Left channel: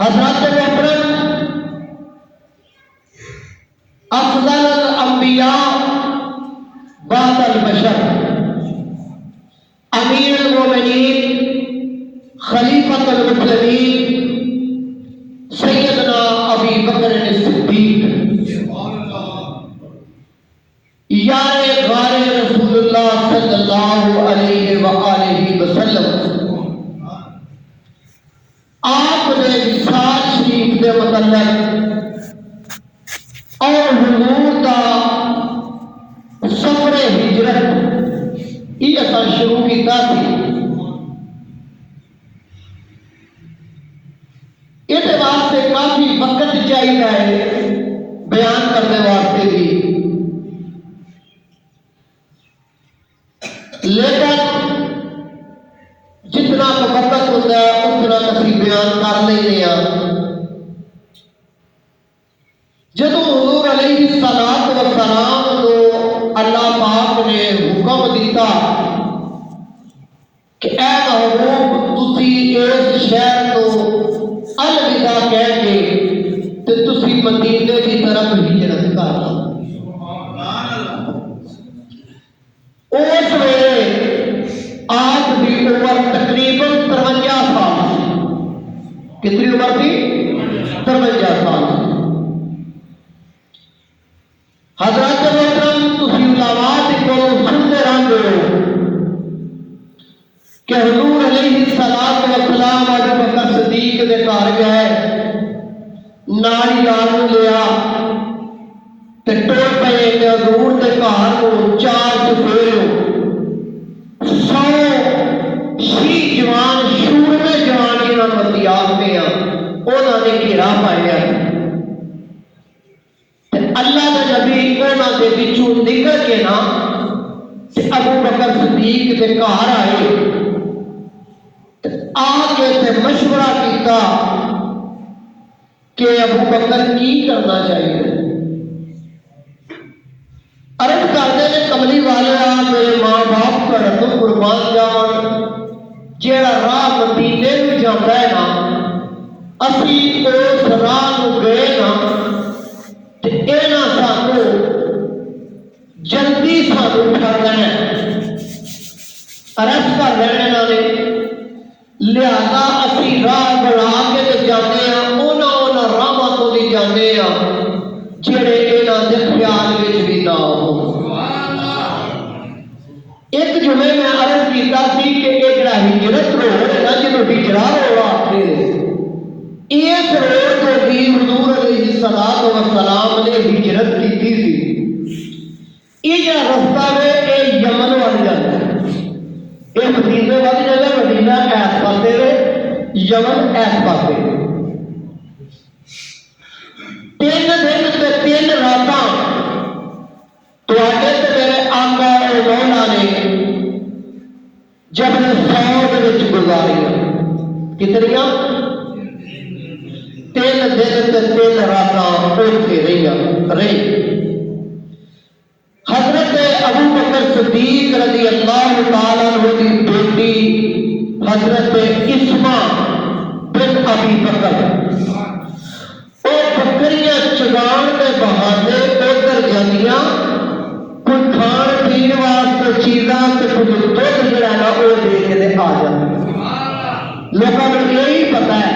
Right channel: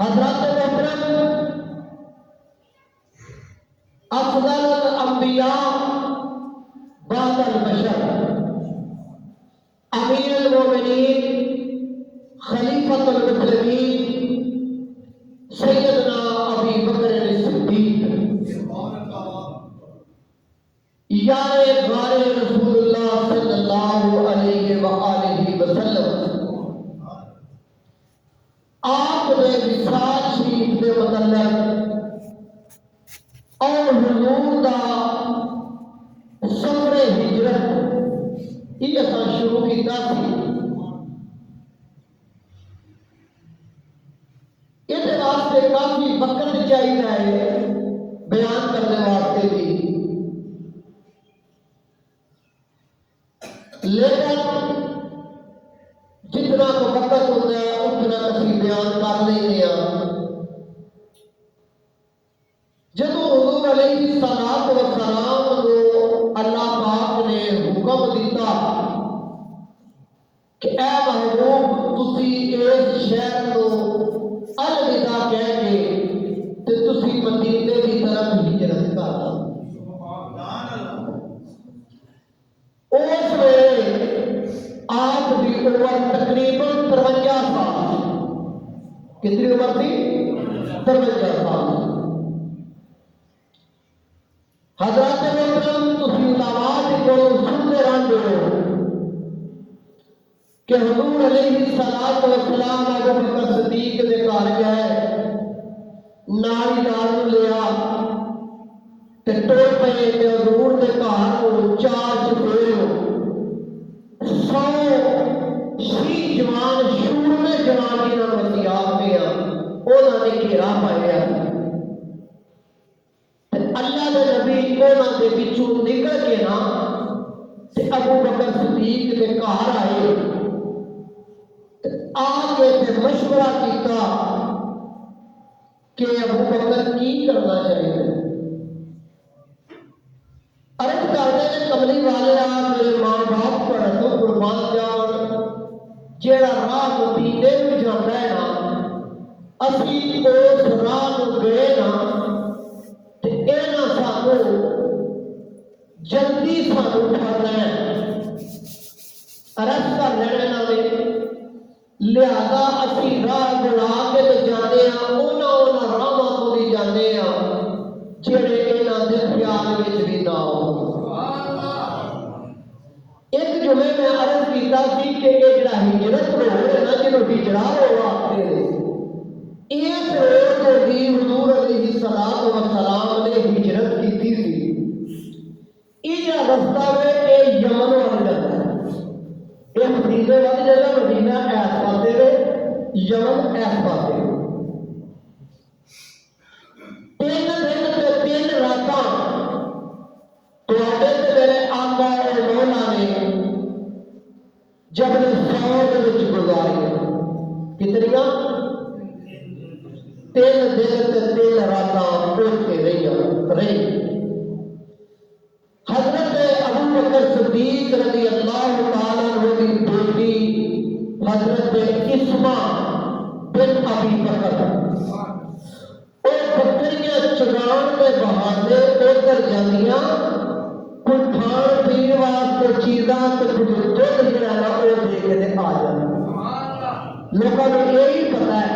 حضرت محترم افضل چاہیے بیان کرنے واسطے بھی، لیکن جتنا کا وقت ہوتا ہے اتنا اسی بیان کر لینے جب حضور علیہ الصلوۃ والسلام کو اللہ پاک نے حکم دیتا کہ اے محبوب تسی اس شہر کو الوداع کہہ کے تے تسی مدینے کی طرف ہجرت کر لو۔ اس ویلے آپ کی عمر تقریباً 53 سال، کتنی عمر تھی؟ 53 سال۔ حضرت محترم تسی علماء کو سنتے رہتے ہو کہ حضور علیہ الصلوۃ والسلام ابو بکر صدیق کے گھر گئے، نال یار لیا تے ٹر پے کہ حضور کے گھر کو 4 چفیرے 100 شی جوان شورمے جوان جنہاں مدیاب میں انہوں نے گھیرا پایا تے اللہ کا نبی انہوں کے بچوں نکل کے نا ابو بکر صدیق کے گھر آئے، آ کے مشورہ کیتا کہ ابو بکر کی کرنا چاہیے۔ عرض کرتے ہیں کملی والے میرے ماں باپ کا تو قربان جان، جیڑا راہ مدینے میں جاتا ہے نا اسی اس راہ کو گئے نا تے اینا سانو جلدی سانو اٹھانا ہے۔ عرض کر رہے نے لہذا اسی راہ بنا کے تے جاتے ہیں انہاں راہاں تو نہیں جاتے ہیں جڑے انہاں دے خیال وچ بھی نہ ہو۔ ایک جمعے میں عرض کیتا سی کہ ایک جڑا ہجرت روڈ ہے نا جنوں ہجرا روڈ آکھدے اس روڈ تو بھی حضور علیہ الصلوۃ والسلام نے ہجرت کی سی۔ یہ جڑا رستہ ہے یہ یمن وال جاتا ہے، یہ مدینے والی جگہ مدینہ ایس پاسے ہے، یمن ایس پاسے۔ 3 دن تے 3 راتاں تواڈے تے میرے آقا اور مولا نے جبل صعود وچ گزاری۔ کتنیاں؟ 3 دن تے 3 راتاں اوتھے رہی۔ حضرت ابو بکر صدیق رضی اللہ تعالیٰ عنہ کی بیٹی حضرت اسما بن ابی بکر وہ بکریاں چگان کے بہانے ادھر جانیاں کوئی کھان پین واسطے چیزاں تے کچھ دودھ جڑا نا وہ دے کے آ جاتی۔ لوگوں کو یہی پتا ہے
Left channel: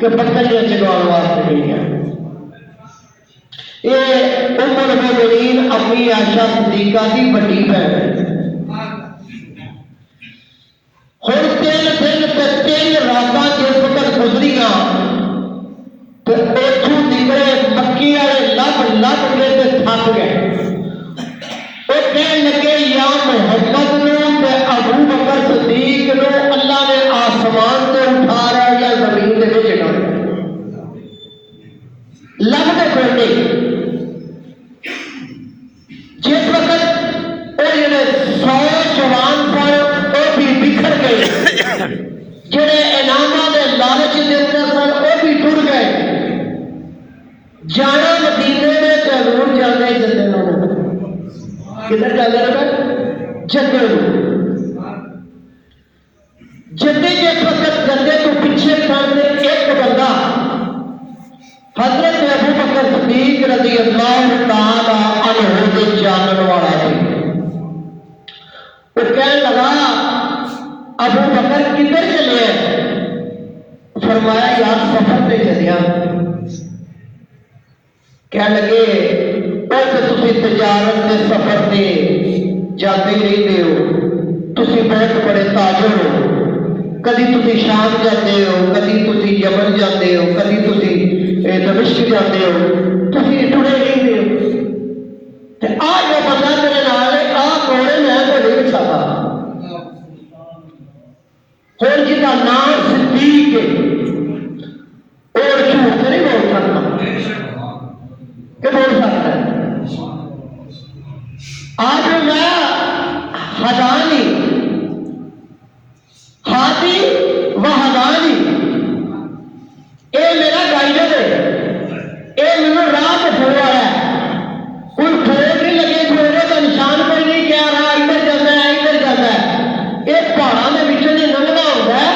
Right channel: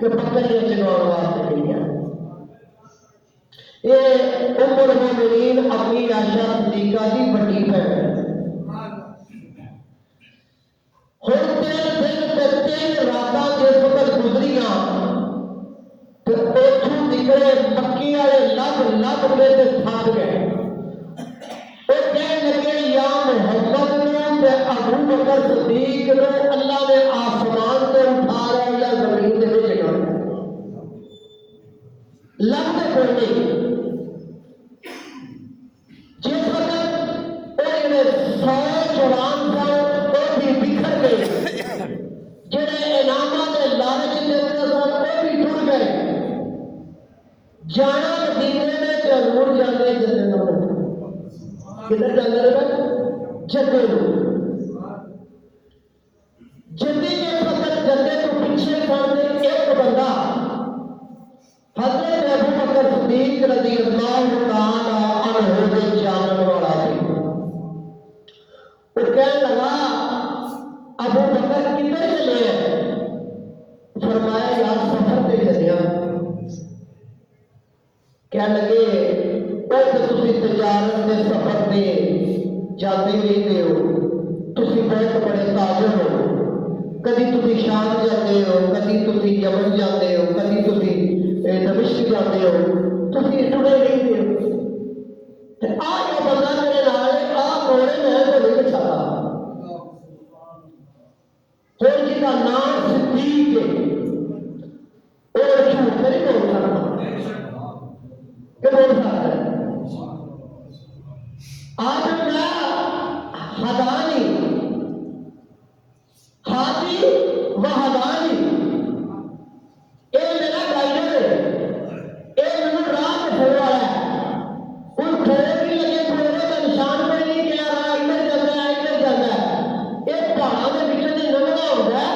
کہ بکریاں چگان واسطے نہیں ہیں۔ یہ ام المومنین امی عائشہ صدیقہ کی بڑی بہن ہے۔ ہر 3 دن تے 3 راتاں جس وقت گزریاں تو اتوں نکلے مکی والے لب کے تے تھک گئے۔ وہ کہنے لگے یا محمد نو تے ابو بکر صدیق نو اللہ نے آسمان تے اٹھا رہا یا زمین تے چڑھا لگتے کوئی نہیں۔ جس وقت وہ جڑے 100 جوان سن وہ بھی بکھر گئے، جڑے انعامات کے لالچ کے اندر سن وہ بھی ٹر گئے۔ جانا مدینے میں ضرور جانے جدے نو کدھر جانے لگا جدے جدے جس وقت جدے تو پیچھے کرتے ایک بندہ حضرت ابو بکر صدیق رضی اللہ تعالی عنہ کے جانن والا سی۔ وہ کہنے لگا ابو بکر کدھر چلے ہیں؟ فرمایا یار سفر پہ چلیا۔ کہنے لگے تسی تجارت کے سفر پہ جاتے ہی نہیں ہو، تسی بہت بڑے تاجر ہو، کدی تسی شام جاتے ہو، کدی تسی یمن جاتے ہو، کدی تسی دمشق جاتے ہو، تسی ٹرے نہیں دے ہو۔ آ جو بندہ میرے نال ہے آ کوڑے میں تو نہیں چاہتا۔ ہوں جس کا نام صدیق ہے اور جھوٹ نہیں بول سکتا۔ کہ بول سکتا ہے آج میں ہدانی ہاتھی و ہدانی اے میرا گائیڈر ہے، اے میرا راہ دسنے والا ہے، کوئی پھوڑ نہیں لگے، پھوڑے کا نشان کوئی نہیں کیا رہا ادھر جاتا ہے ادھر جاتا ہے، یہ پہاڑوں کے بچوں سے لنگنا ہوتا ہے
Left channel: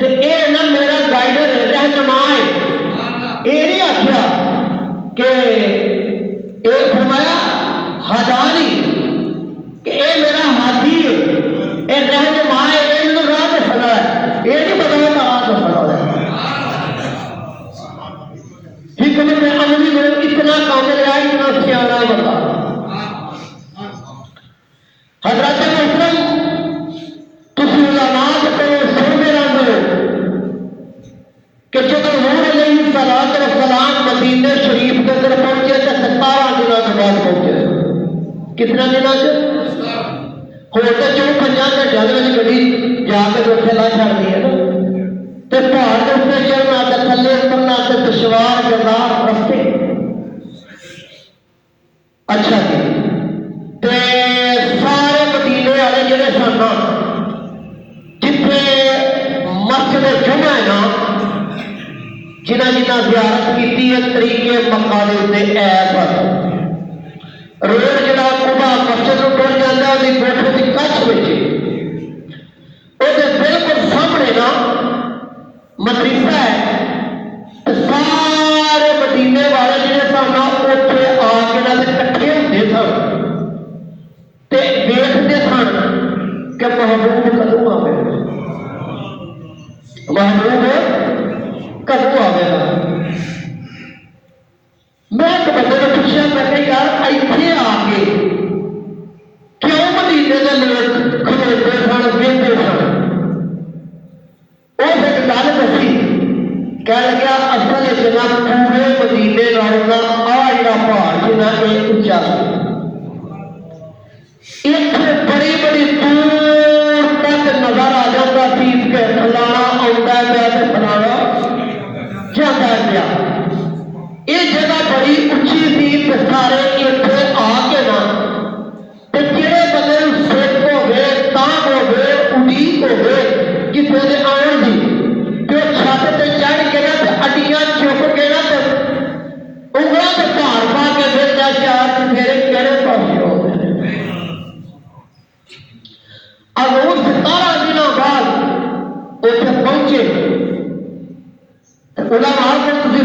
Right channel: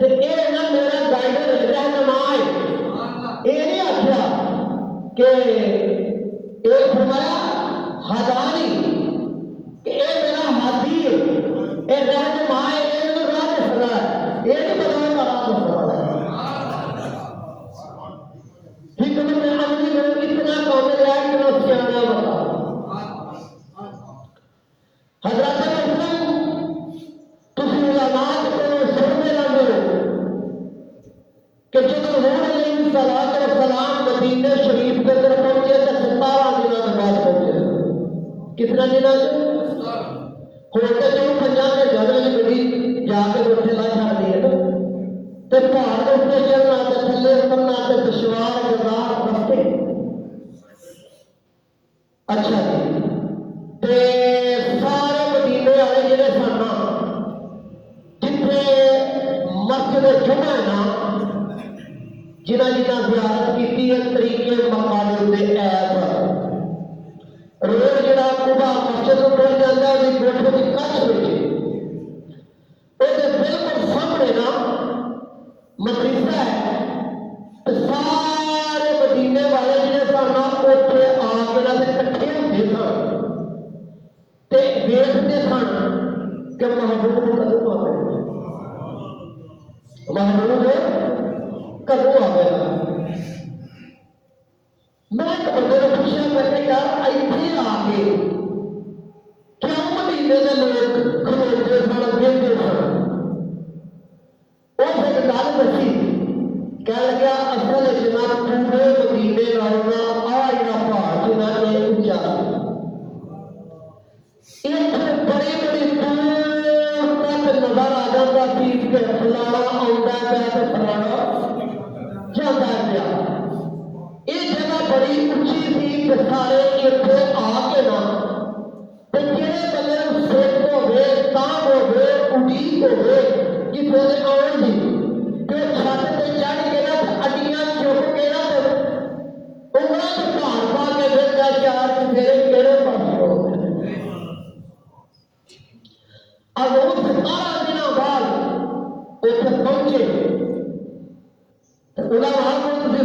تو اے نا میرا گائیڈر ہے، رہنما ہے۔ یہ نہیں آخیا کہ اے فرمایا ہدانی کہ اے میرا ہاتھی ہے، اے رہنما ہے، اے میرا راہ دسنا ہے، یہ نہیں پتا میں راہ دسنا ہے۔ حکمت عملی میں اتنا کامل ہے، اتنا سیاح بتا۔ حضرت محترم تسی علماء کو سنتے رہتے ہو کہ جب حضور علیہ السلام مدینہ شریف کے اندر پہنچے تو 17 دنوں کے بعد پہنچے۔ کتنا دنوں سے؟ ہوتا چلو 50 گھنٹے میں گڈی جا کے اتنے لا چڑھتی ہے نا، تو پہاڑ کے اتنے چڑھنا تو تھلے اترنا تو دشوار گزار رستے۔ اچھا جی، تے سارے مدینے والے جڑے سن جتنے مسجد جمعہ ہے نا، جنہ زیارت کی ہے طریقے مکہ دے اتنے ایسا روڈ جڑا قبا مسجد کو ٹر جاتا ہے وہ کوٹھے کی کچھ بچے وہ بالکل سامنے نا مدرسہ ہے، تو سارے مدینے والے جڑے سن اتنے آ کے نہ کٹھے ہوتے سن تے دیکھتے سن کہ محبوب کدوں آئے، محبوب کدوں آئے گا۔ میں ایک بندے نے پوچھا، میں کہ یار ایتھے آ کے کیوں مدینے کے لوگ کھلوتے سن وہدے سن؟ اس ایک گل دسی، کہہ لگا اصل جناب پورے مدینے نالوں آ جڑا پہاڑ جنا یہ اچا ایک بڑی بڑی دور تک نظر آ جاتا سی کہ فلانا آتا پیا تو فلانا جاتا پیا۔ یہ جگہ بڑی اچھی سی تو سارے اتنے آ کے نا تو جہے بندے سکھ ہو گئے تانگ ہو گئے اڈیق ہو گئے کسی نے آن دی تو چھت سے چڑھ کے نا تو اڈیاں چک کے نا تو انگلوں سے پار پا کے دیتا چار چفیرے کہڑے پاسے ہو گئے۔ اب وہ 17 دنوں بعد اتنے پہنچے علماء کو